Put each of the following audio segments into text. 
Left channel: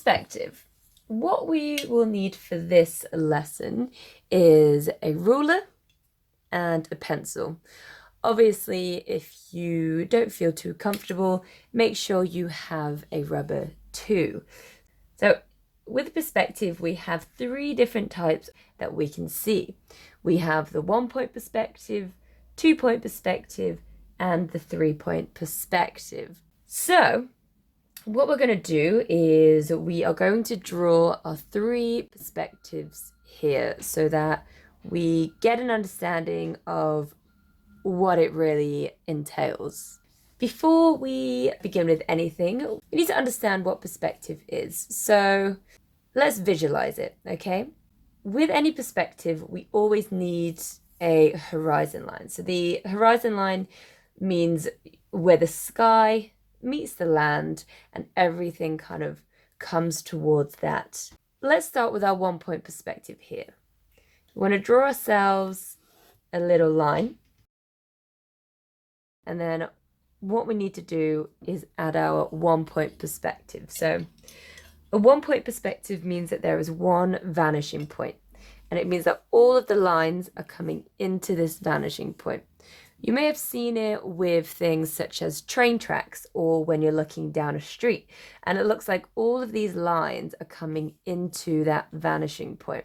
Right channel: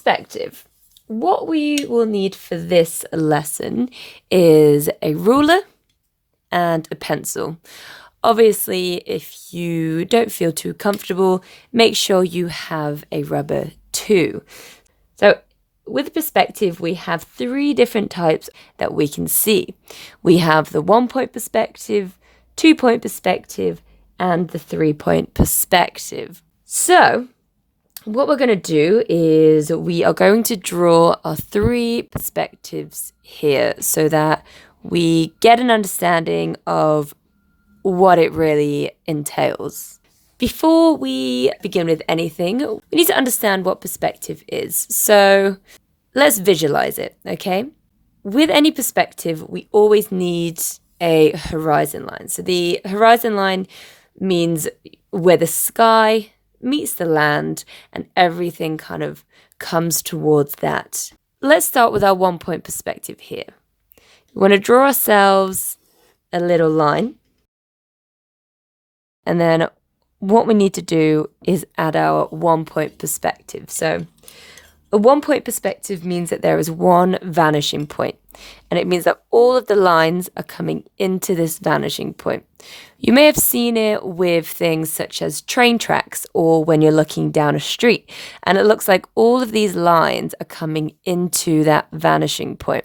perspective. What we will need for this lesson is a ruler and a pencil. Obviously, if you don't feel too comfortable, make sure you have a rubber too. So with perspective, we have 3 different types that we can see. We have the 1-point perspective, 2-point perspective, and the 3-point perspective. So what we're going to do is we are going to draw our 3 perspectives here so that we get an understanding of what it really entails. Before we begin with anything, we need to understand what perspective is. So let's visualize it, okay? With any perspective, we always need a horizon line. So the horizon line means where the sky meets the land and everything kind of comes towards that. Let's start with our 1-point perspective here. We want to draw ourselves a little line. And then what we need to do is add our 1-point perspective. So a 1-point perspective means that there is one vanishing point, and it means that all of the lines are coming into this vanishing point. You may have seen it with things such as train tracks or when you're looking down a street, and it looks like all of these lines are coming into that vanishing point.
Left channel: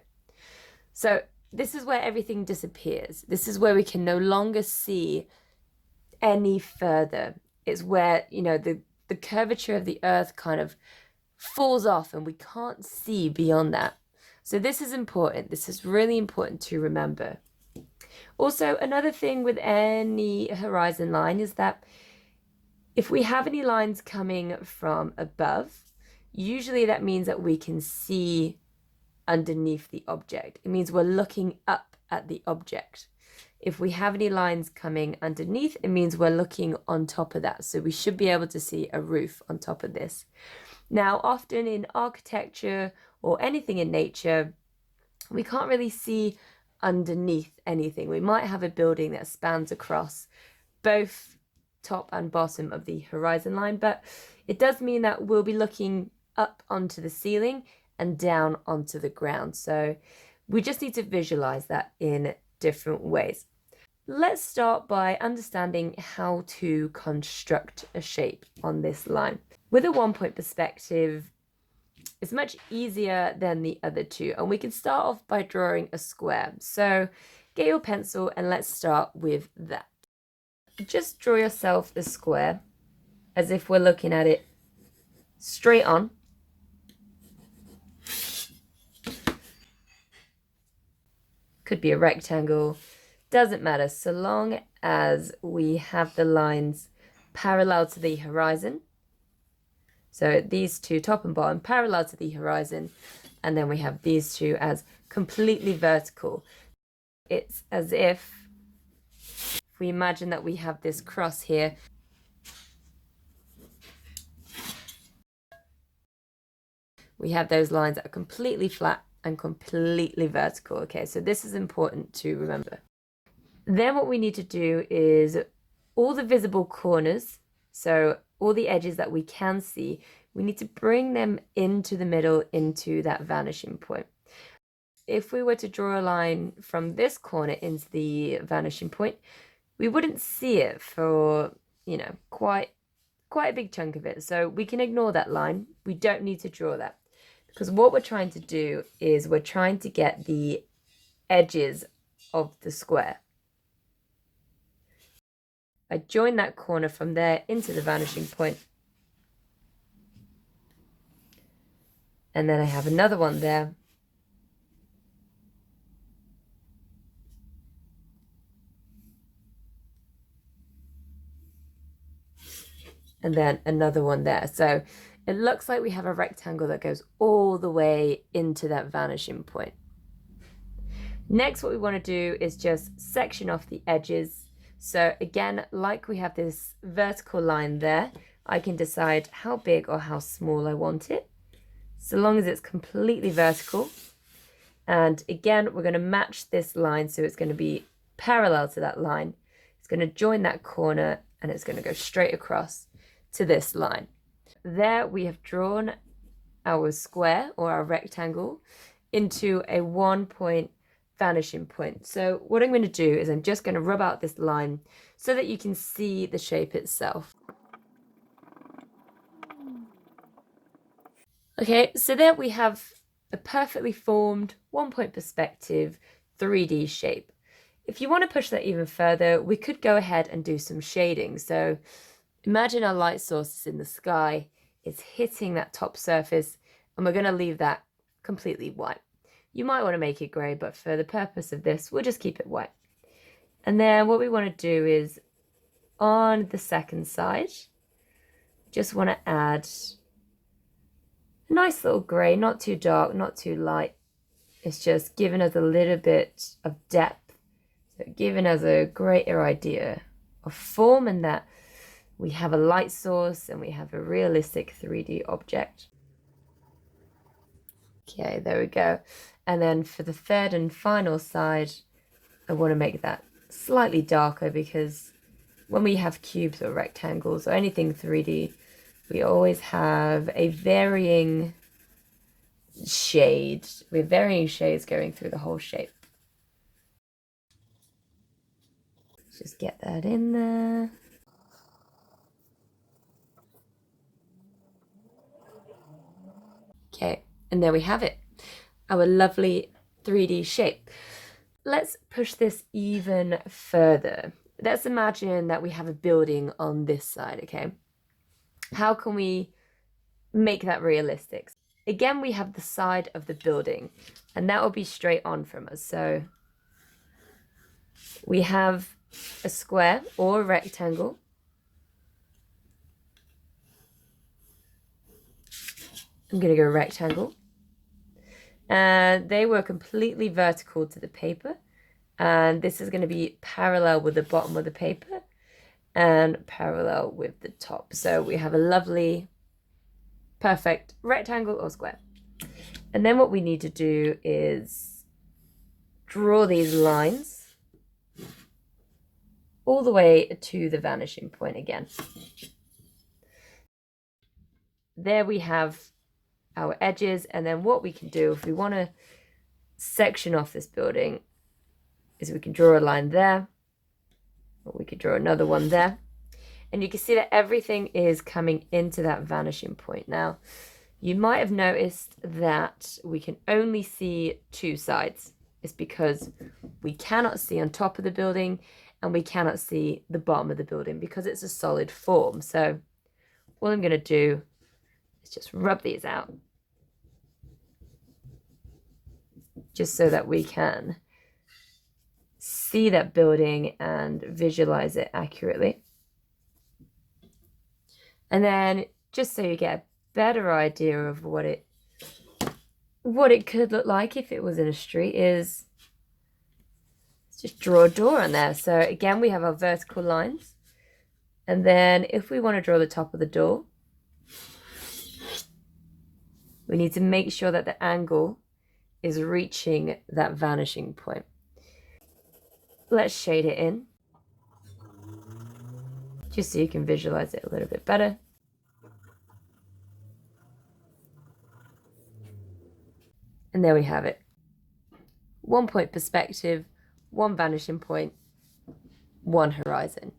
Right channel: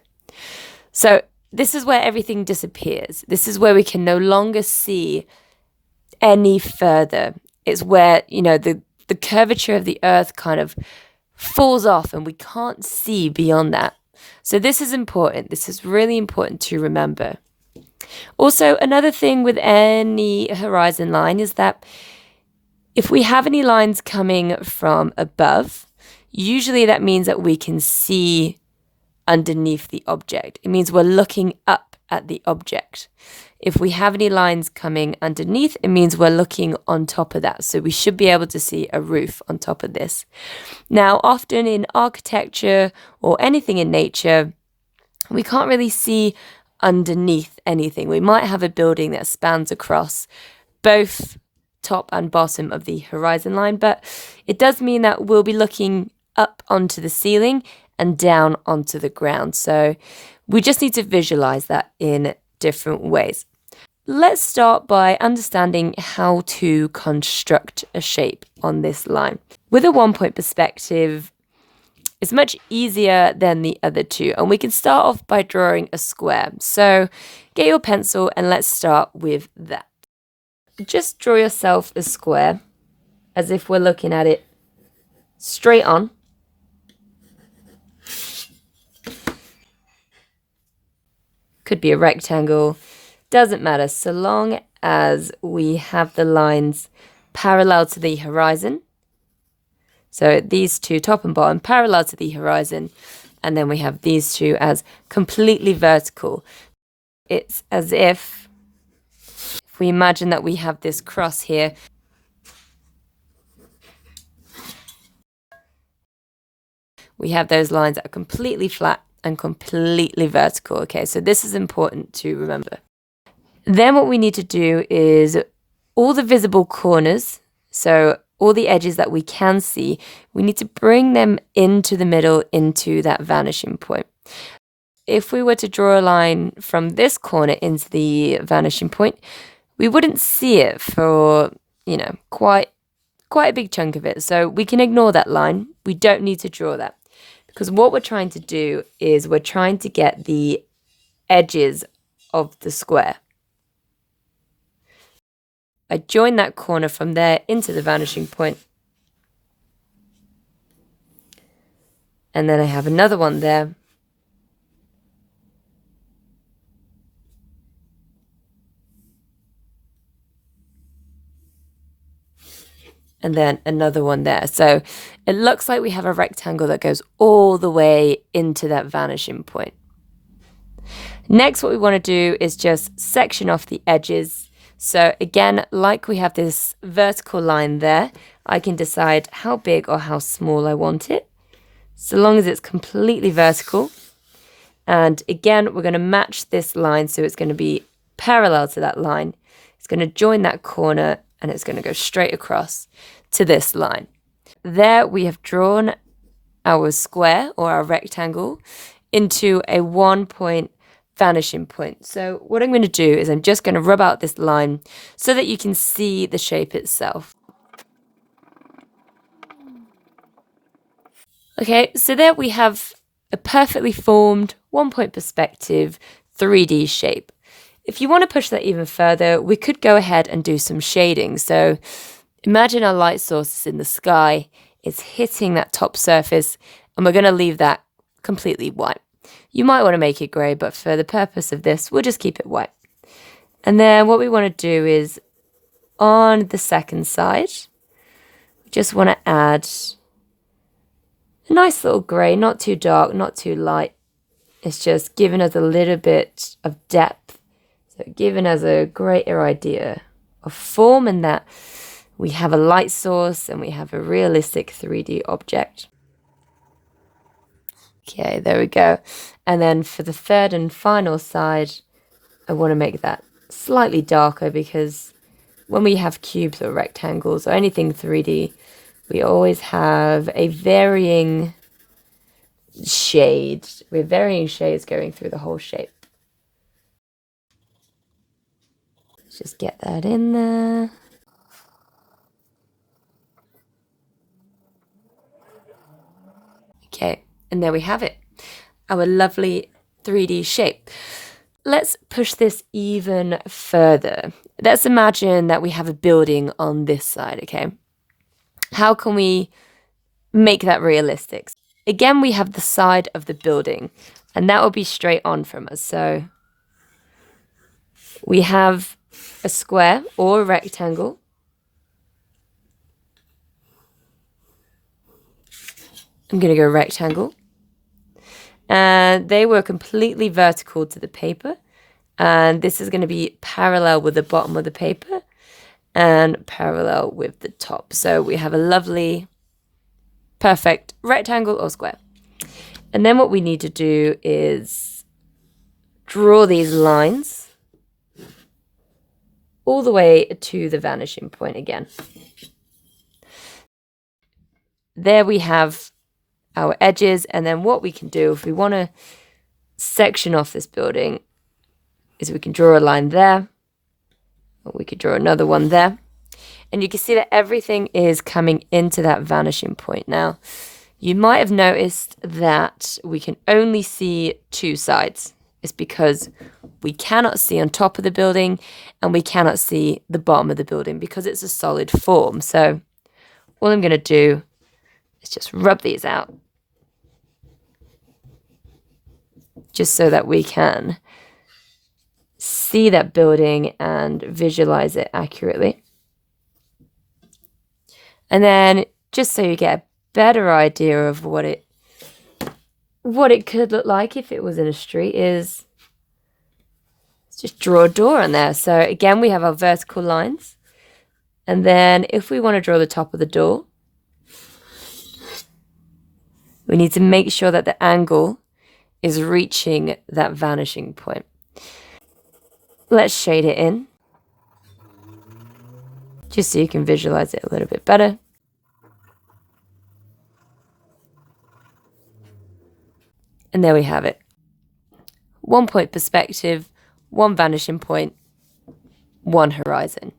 So this is where everything disappears. This is where we can no longer see any further. It's where, the curvature of the earth kind of falls off and we can't see beyond that. So this is important. This is really important to remember. Also, another thing with any horizon line is that if we have any lines coming from above, usually that means that we can see underneath the object. It means we're looking up at the object. If we have any lines coming underneath, it means we're looking on top of that. So we should be able to see a roof on top of this. Now, often in architecture or anything in nature, we can't really see underneath anything. We might have a building that spans across both top and bottom of the horizon line, but it does mean that we'll be looking up onto the ceiling and down onto the ground. So we just need to visualize that in different ways. Let's start by understanding how to construct a shape on this line. With a 1-point perspective, it's much easier than the other 2, and we can start off by drawing a square. So get your pencil and let's start with that. Just draw yourself a square as if we're looking at it straight on. Could be a rectangle, doesn't matter, so long as we have the lines parallel to the horizon. So these 2, top and bottom, parallel to the horizon, and then we have these 2 as completely vertical. It's as if we imagine that we have this cross here. We have those lines that are completely flat and completely vertical. Okay, so this is important to remember. Then what we need to do is all the visible corners, so all the edges that we can see, we need to bring them into the middle, into that vanishing point. If we were to draw a line from this corner into the vanishing point, we wouldn't see it for, quite a big chunk of it. So we can ignore that line. We don't need to draw that. Because what we're trying to do is we're trying to get the edges of the square. I join that corner from there into the vanishing point. And then I have another one there. And then another one there. So it looks like we have a rectangle that goes all the way into that vanishing point. Next, what we want to do is just section off the edges. So again, like we have this vertical line there, I can decide how big or how small I want it, so long as it's completely vertical. And again, we're going to match this line, so it's going to be parallel to that line. It's going to join that corner, and it's going to go straight across to this line. There we have drawn our square or our rectangle into a 1-point vanishing point. So what I'm going to do is I'm just going to rub out this line so that you can see the shape itself. Okay, so there we have a perfectly formed 1-point perspective 3D shape. If you want to push that even further, we could go ahead and do some shading. So imagine our light source is in the sky, it's hitting that top surface, and we're going to leave that completely white. You might want to make it grey, but for the purpose of this, we'll just keep it white. And then what we want to do is on the second side, we just want to add a nice little grey, not too dark, not too light. It's just giving us a little bit of depth. So giving us a greater idea of form in that we have a light source and we have a realistic 3D object. Okay, there we go. And then for the third and final side, I want to make that slightly darker because when we have cubes or rectangles or anything 3D, we always have a varying shade. We have varying shades going through the whole shape. Let's just get that in there. Okay, and there we have it. Our lovely 3D shape. Let's push this even further. Let's imagine that we have a building on this side, okay? How can we make that realistic? Again, we have the side of the building, and that will be straight on from us. So we have a square or a rectangle. I'm going to go rectangle. And they were completely vertical to the paper. And this is going to be parallel with the bottom of the paper and parallel with the top. So we have a lovely, perfect rectangle or square. And then what we need to do is draw these lines all the way to the vanishing point again. There we have our edges, and then what we can do if we want to section off this building is we can draw a line there, or we could draw another one there, and you can see that everything is coming into that vanishing point. Now, you might have noticed that we can only see two sides. It's because we cannot see on top of the building and we cannot see the bottom of the building because it's a solid form. So all I'm going to do is just rub these out, just so that we can see that building and visualize it accurately. And then just so you get a better idea of what it could look like if it was in a street is let's just draw a door on there. So again, we have our vertical lines. And then if we want to draw the top of the door, we need to make sure that the angle is reaching that vanishing point. Let's shade it in, just so you can visualize it a little bit better. And there we have it. 1-point perspective, 1 vanishing point, 1 horizon.